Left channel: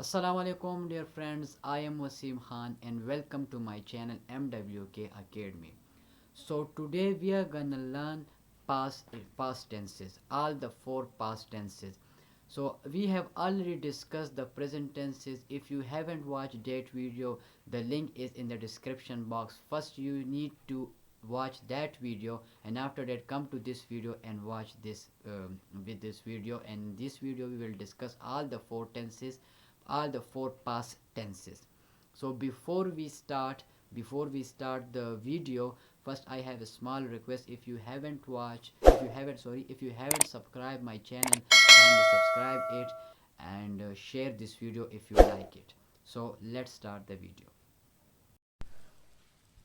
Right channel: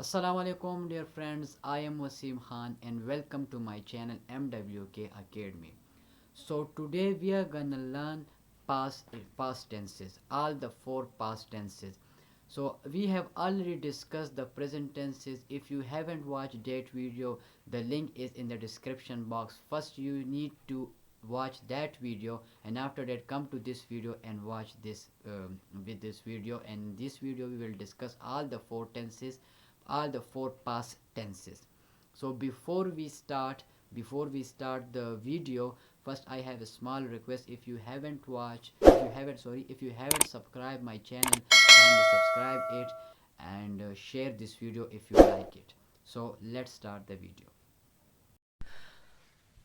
Assalamu alaikum dear friends, I am Wasim Khan and welcome to my channel MWK Academy. So today we are gonna learn past tenses, all the four past tenses. So we have already discussed the present tenses. If you haven't watched that video, the link is in the description box. First you need to watch that video, and after that come to this video and watch this with this video. And in this video we will discuss all the four tenses, all the four past tenses. So before we start the video, first I have a small request. If you haven't subscribed my channel, kindly subscribe it and share this video if you like it. So let's start the video.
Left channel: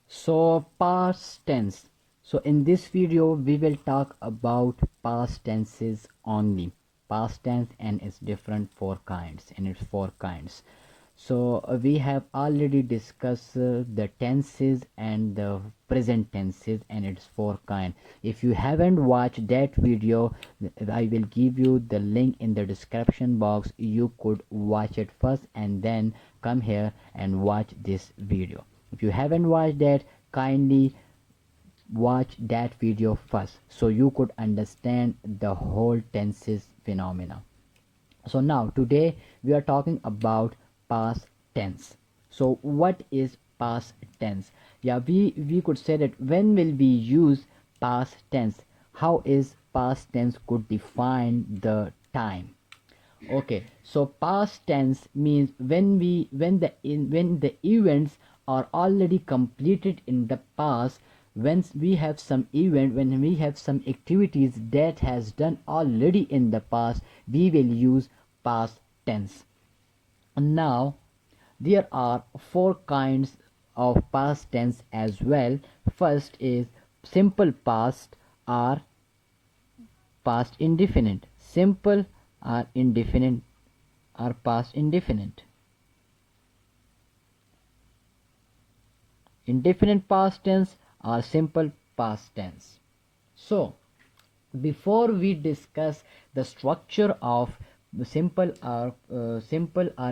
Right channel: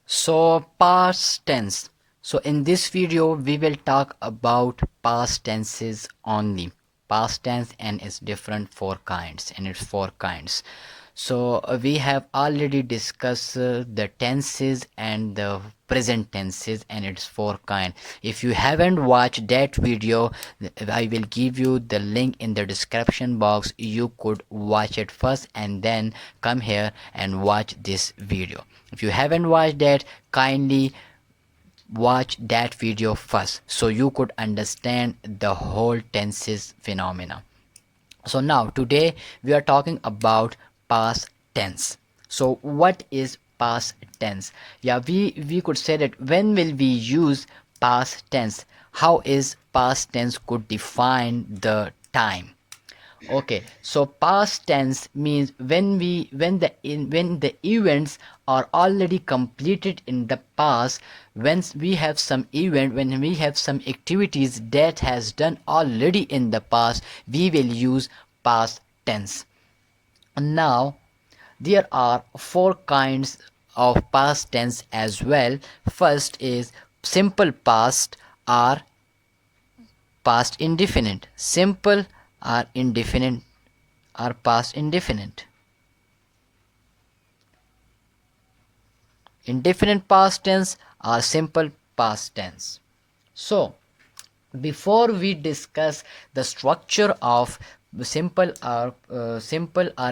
So past tense. So in this video we will talk about past tenses only. Past tense and its different four kinds, and it's four kinds. So we have already discussed the tenses and the present tenses and its four kind. If you haven't watched that video, I will give you the link in the description box. You could watch it first and then come here and watch this video. If you haven't watched that, kindly watch that video first so you could understand the whole tenses phenomena. So now today we are talking about past tense. So what is past tense? Yeah, we could say that when will we use past tense? How is past tense could define the time? Okay, so past tense means when the events are already completed in the past. When we have some activities that has done already in the past, we will use past tense. Now there are four kinds of past tense as well. First is simple past or past indefinite. Simple or indefinite or past indefinite. Indefinite past tense or simple past tense. So before we discuss the structure of simple or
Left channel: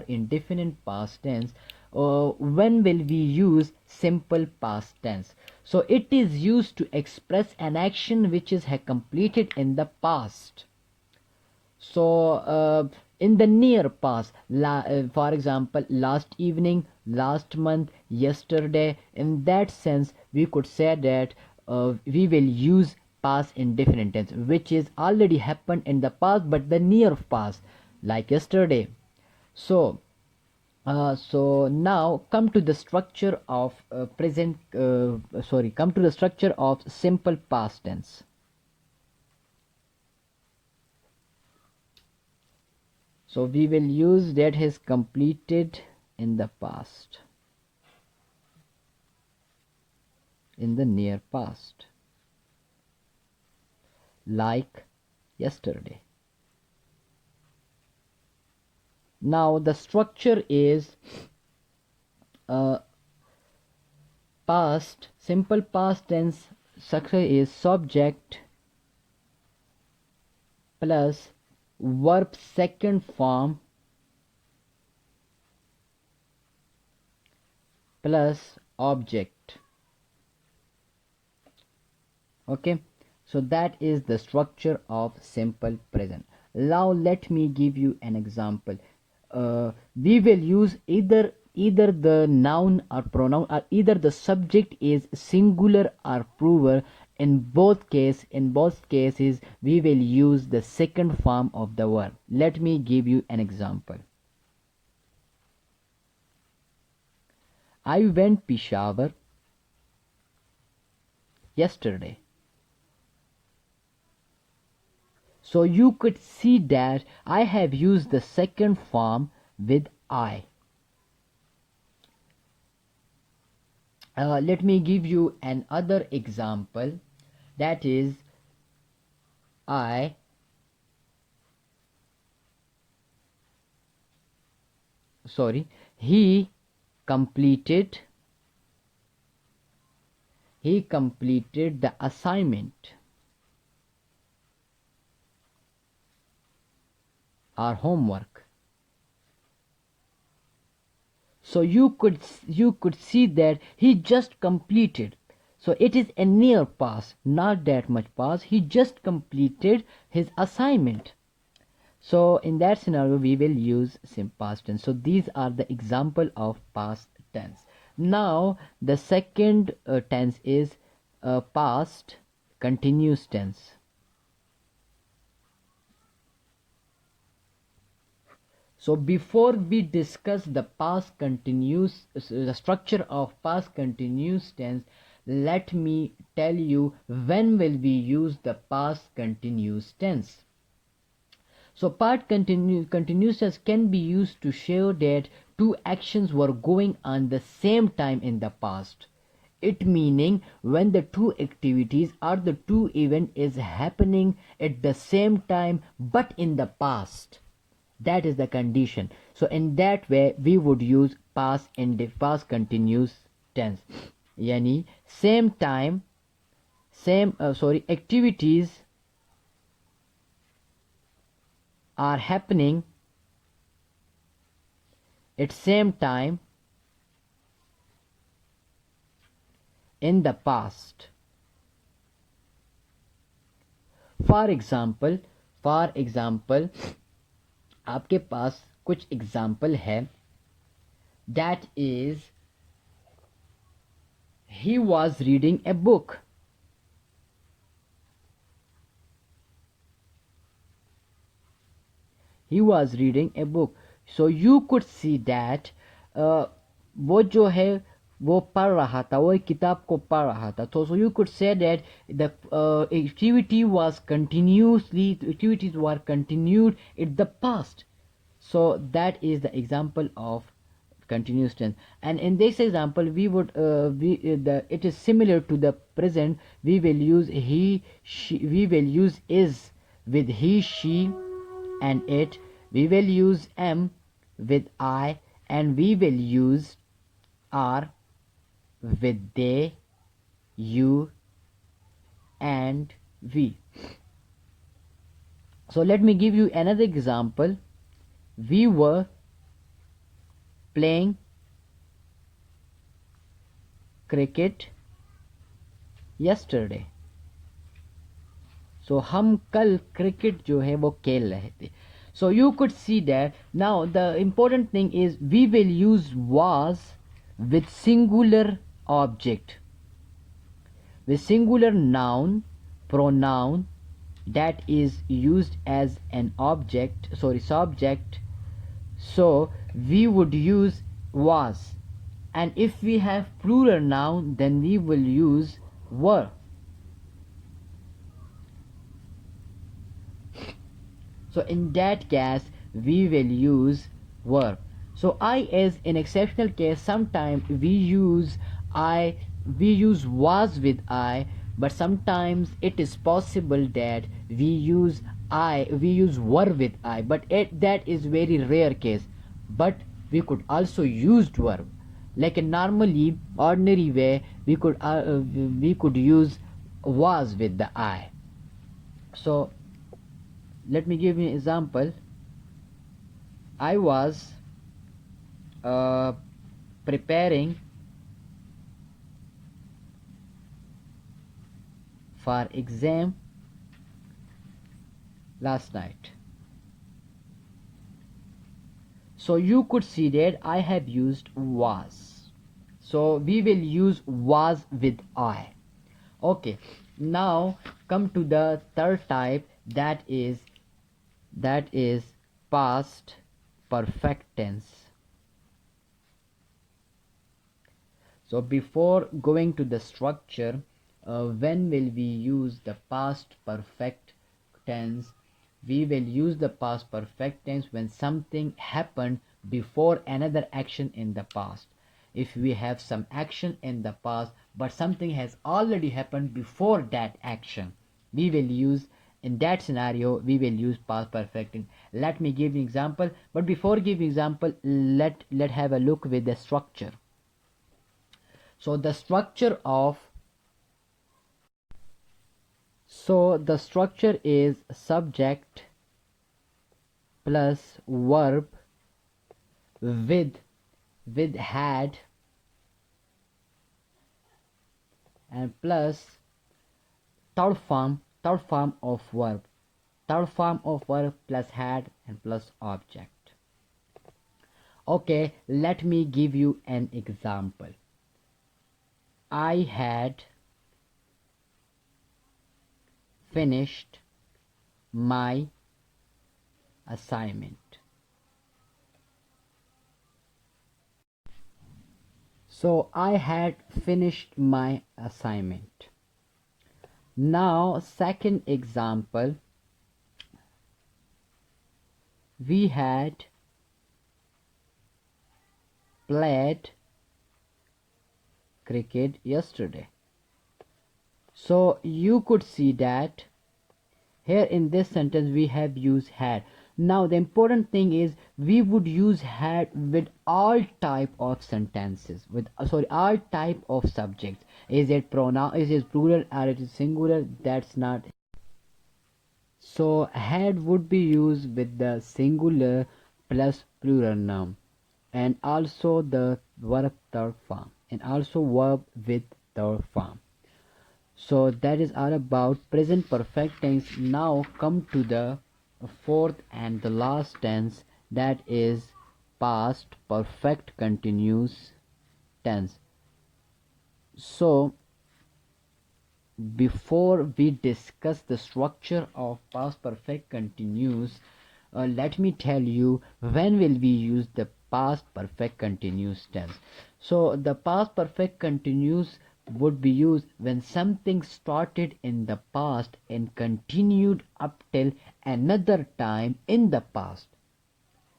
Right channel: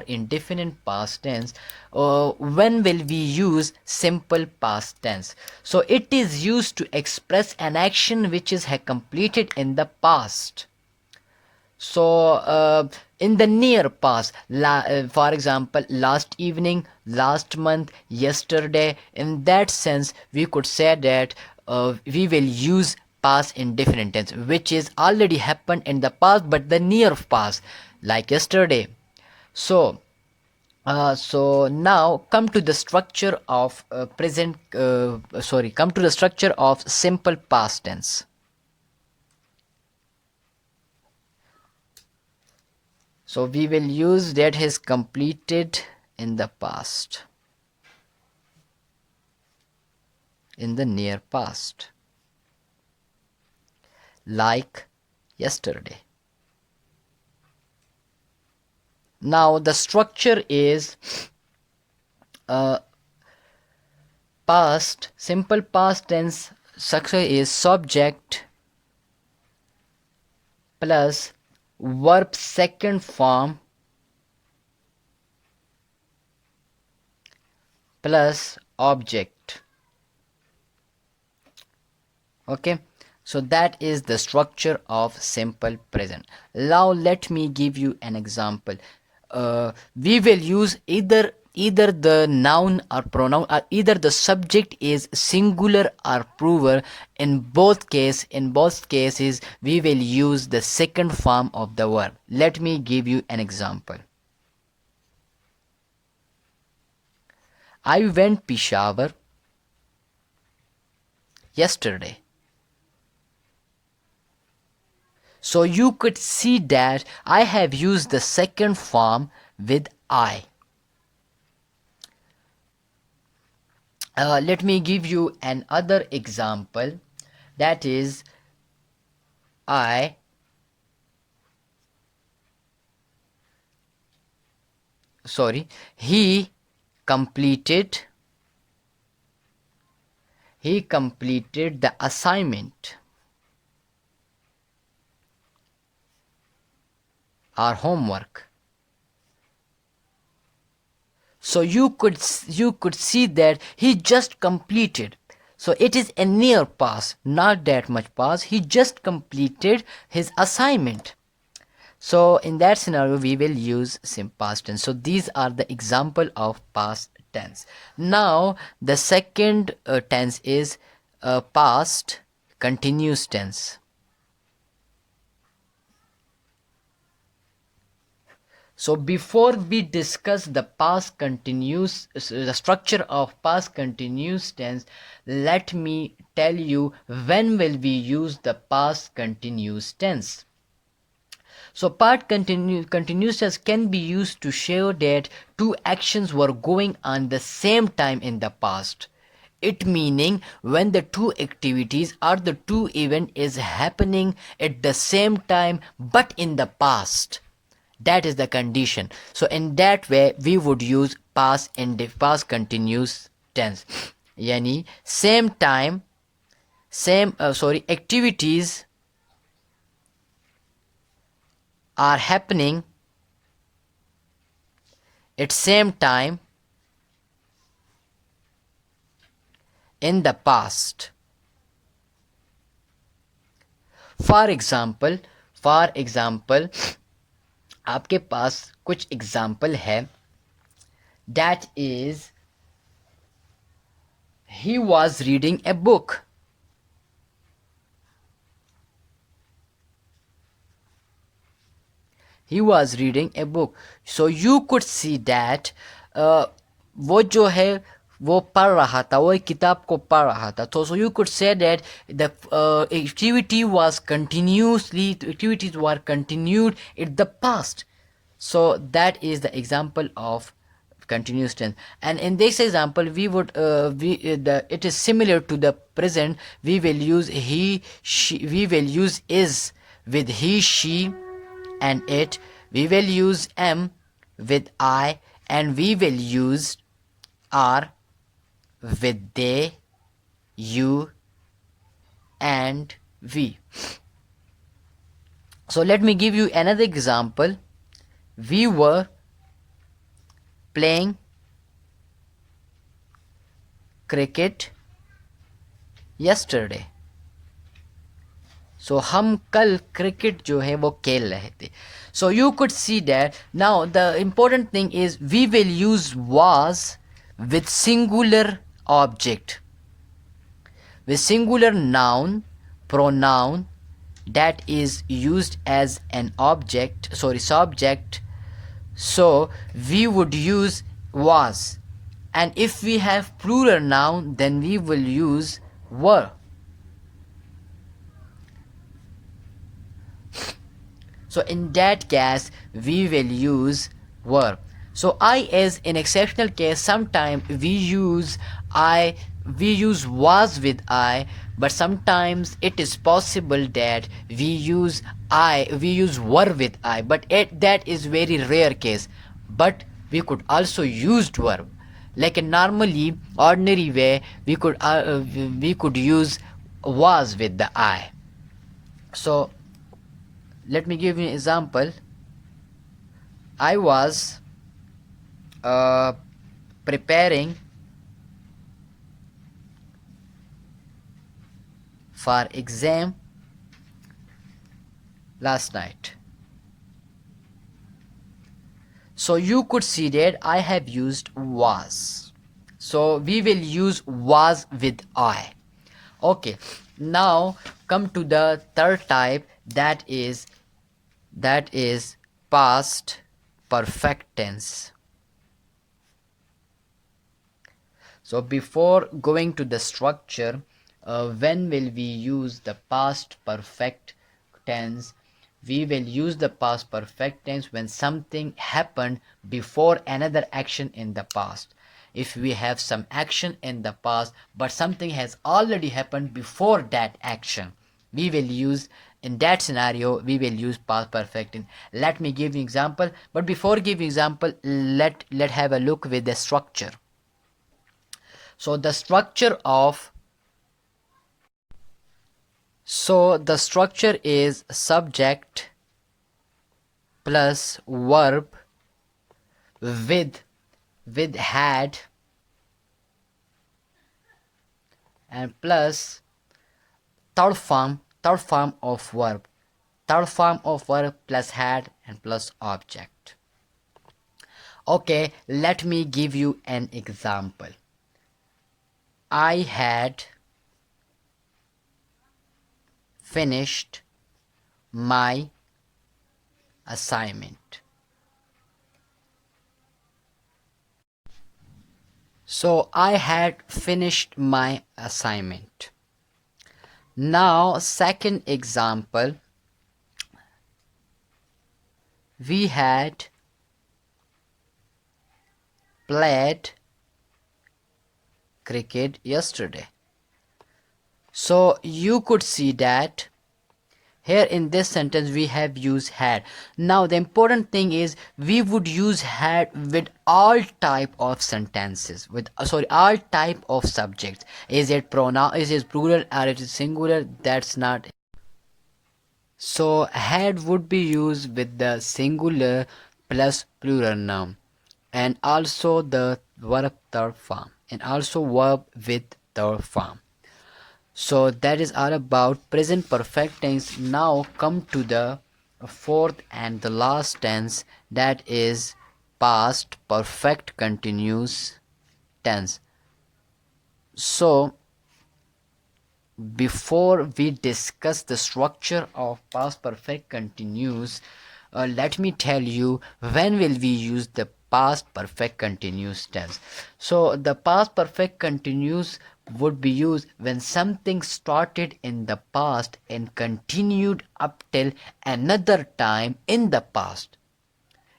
indefinite past tense, when will we use simple past tense? So it is used to express an action which is completed in the past. So in the near past, for example, last evening, last month, yesterday, in that sense we could say that we will use past indefinite tense, which is already happened in the past but the near past, like yesterday. So now come to the structure of come to the structure of simple past tense. So we will use that is completed in the past, in the near past, like yesterday. Now the structure is past, simple past tense structure is subject plus verb second form plus object. Okay, so that is the structure of simple present. Now let me give you an example. We will use either the noun or pronoun, or either the subject is singular or plural. In both cases we will use the second form of the verb. Let me give you an example. I went Peshawar yesterday. So you could see that I have used the second form with I. Let me give you another example. That is, I sorry he completed the assignment or homework. So you could see that he just completed. So it is a near pass, not that much pass. He just completed his assignment. So in that scenario, we will use simple past tense. So these are the example of past tense. Now the second tense is past continuous tense. So before we discuss the past continuous, the structure of past continuous tense, let me tell you when will we use the past continuous tense. So continuous tense can be used to show that two actions were going on the same time in the past. It meaning when the two activities or the two event is happening at the same time but in the past. That is the condition. So in that way we would use past and past continuous tense. Yani same time, activities are happening at same time in the past. For example, आपके पास कुछ example है. That is, he was reading a book. He was reading a book. So you could see that वो जो है वो पढ़ रहा था, वो एक किताब को पढ़ रहा था. तो so you could say that the activities were continued in the past. So that is the example of continuous tense. And in this example we would it is similar to the present. We will use he, she. We will use is with he, she and it. We will use am with I, and we will use are with they, you and we. So let me give you another example. We were playing cricket yesterday. So हम कल cricket जो है वो खेल रहे थे. So you could see that. Now the important thing is we will use was with singular object, with singular noun, pronoun that is used as an subject. So we would use was, and if we have plural noun then we will use were. So in that case we will use were. So I is in exceptional case. Sometimes we use was with I, but sometimes it is possible that we use were with I, but that is very rare case. But we could also use verb. Like a normally ordinary way we could use was with the I. So let me give you an example. I was preparing for exam last night. So you could see that I have used was. So we will use was with I. Okay, now come to the third type, that is past perfect tense. So before going to the structure, when will we use the past perfect tense? We will use the past perfect tense when something happened before another action in the past. If we have some action in the past but something has already happened before that action, we will use, in that scenario we will use past perfect tense. Let me give you example, but before giving example, let have a look with the structure. So the structure is subject plus verb with with had and plus third form of verb, third form of verb plus had and plus object. Okay, let me give you an example. I had finished my assignment. So I had finished my assignment. Now, second example, we had played cricket yesterday. So you could see that here in this sentence we have used had. Now the important thing is we would use had with all type of sentences, with all type of subjects. Is it pronoun, is it plural or it is singular? That's not. So had would be used with the singular plus plural noun, and also the verb third form, and also verb with third form. So that is all about present perfect tense. Now come to the fourth and the last tense, that is past perfect continuous tense. So before we discuss the structure of past perfect continuous, let me tell you when will we use the past perfect continuous tense. So the past perfect continuous would be used when something started in the past and continued up till another time in the past.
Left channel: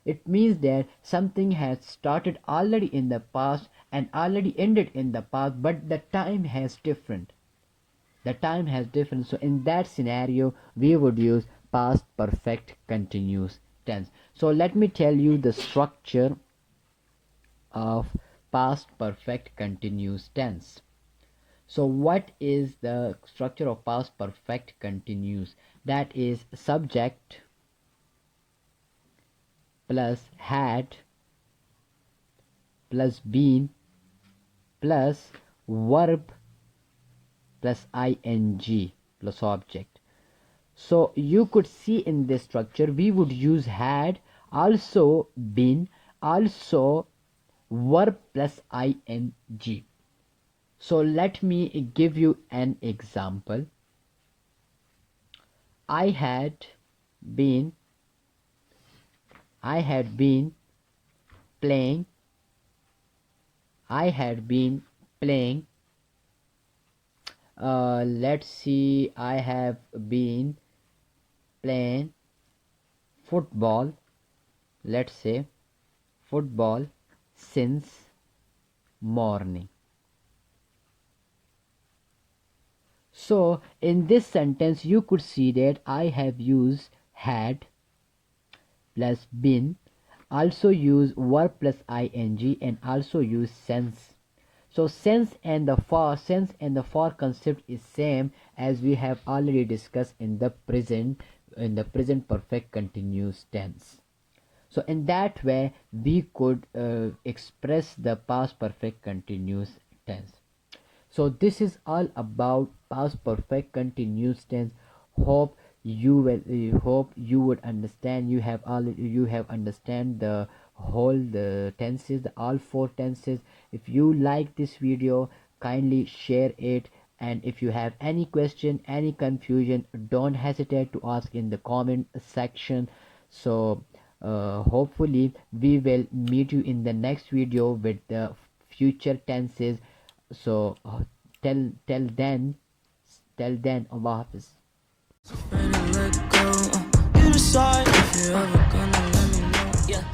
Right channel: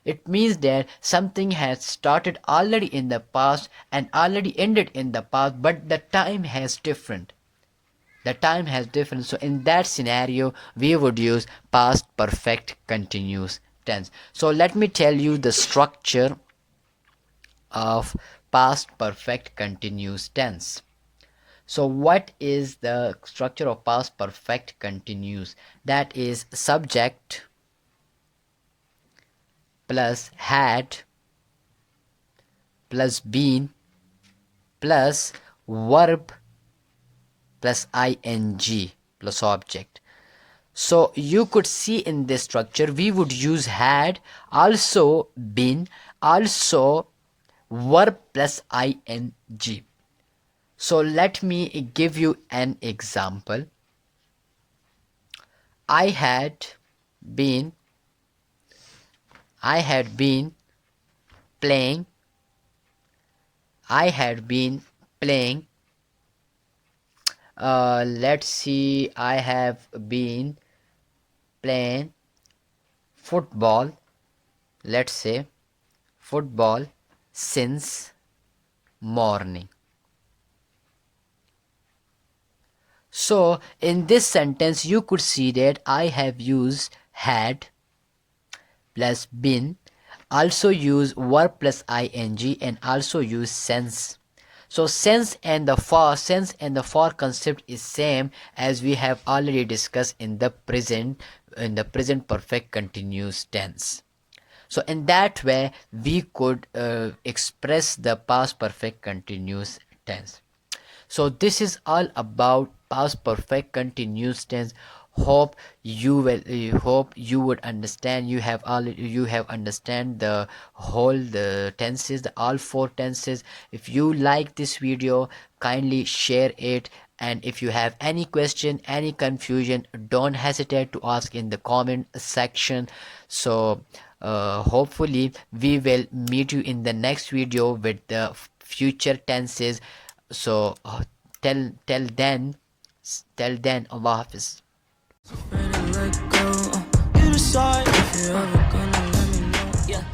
It means that something has started already in the past and already ended in the past, but the time has different. The time has different. So in that scenario we would use past perfect continuous tense. So let me tell you the structure of past perfect continuous tense. So what is the structure of past perfect continuous? That is subject plus had plus been plus verb plus ing plus object. So you could see in this structure we would use had, also been, also verb plus ing. So let me give you an example. I had been playing. I had been playing. Let's see. I have been playing football. Let's say football since morning. So in this sentence you could see that I have used had plus been, also use verb plus ing, and also use since. So since and the for concept is same as we have already discussed in the present perfect continuous tense. So in that way we could express the past perfect continuous tense. So this is all about past perfect continuous tense. Hope you would understand. You have understand the whole the tenses, the all four tenses. If you like this video, kindly share it, and if you have any question, any confusion, don't hesitate to ask in the comment section. So hopefully we will meet you in the next video with the future tenses. So till then, Allah Hafiz. Ready to let go. You decide if you're ever gonna let me know. Yeah.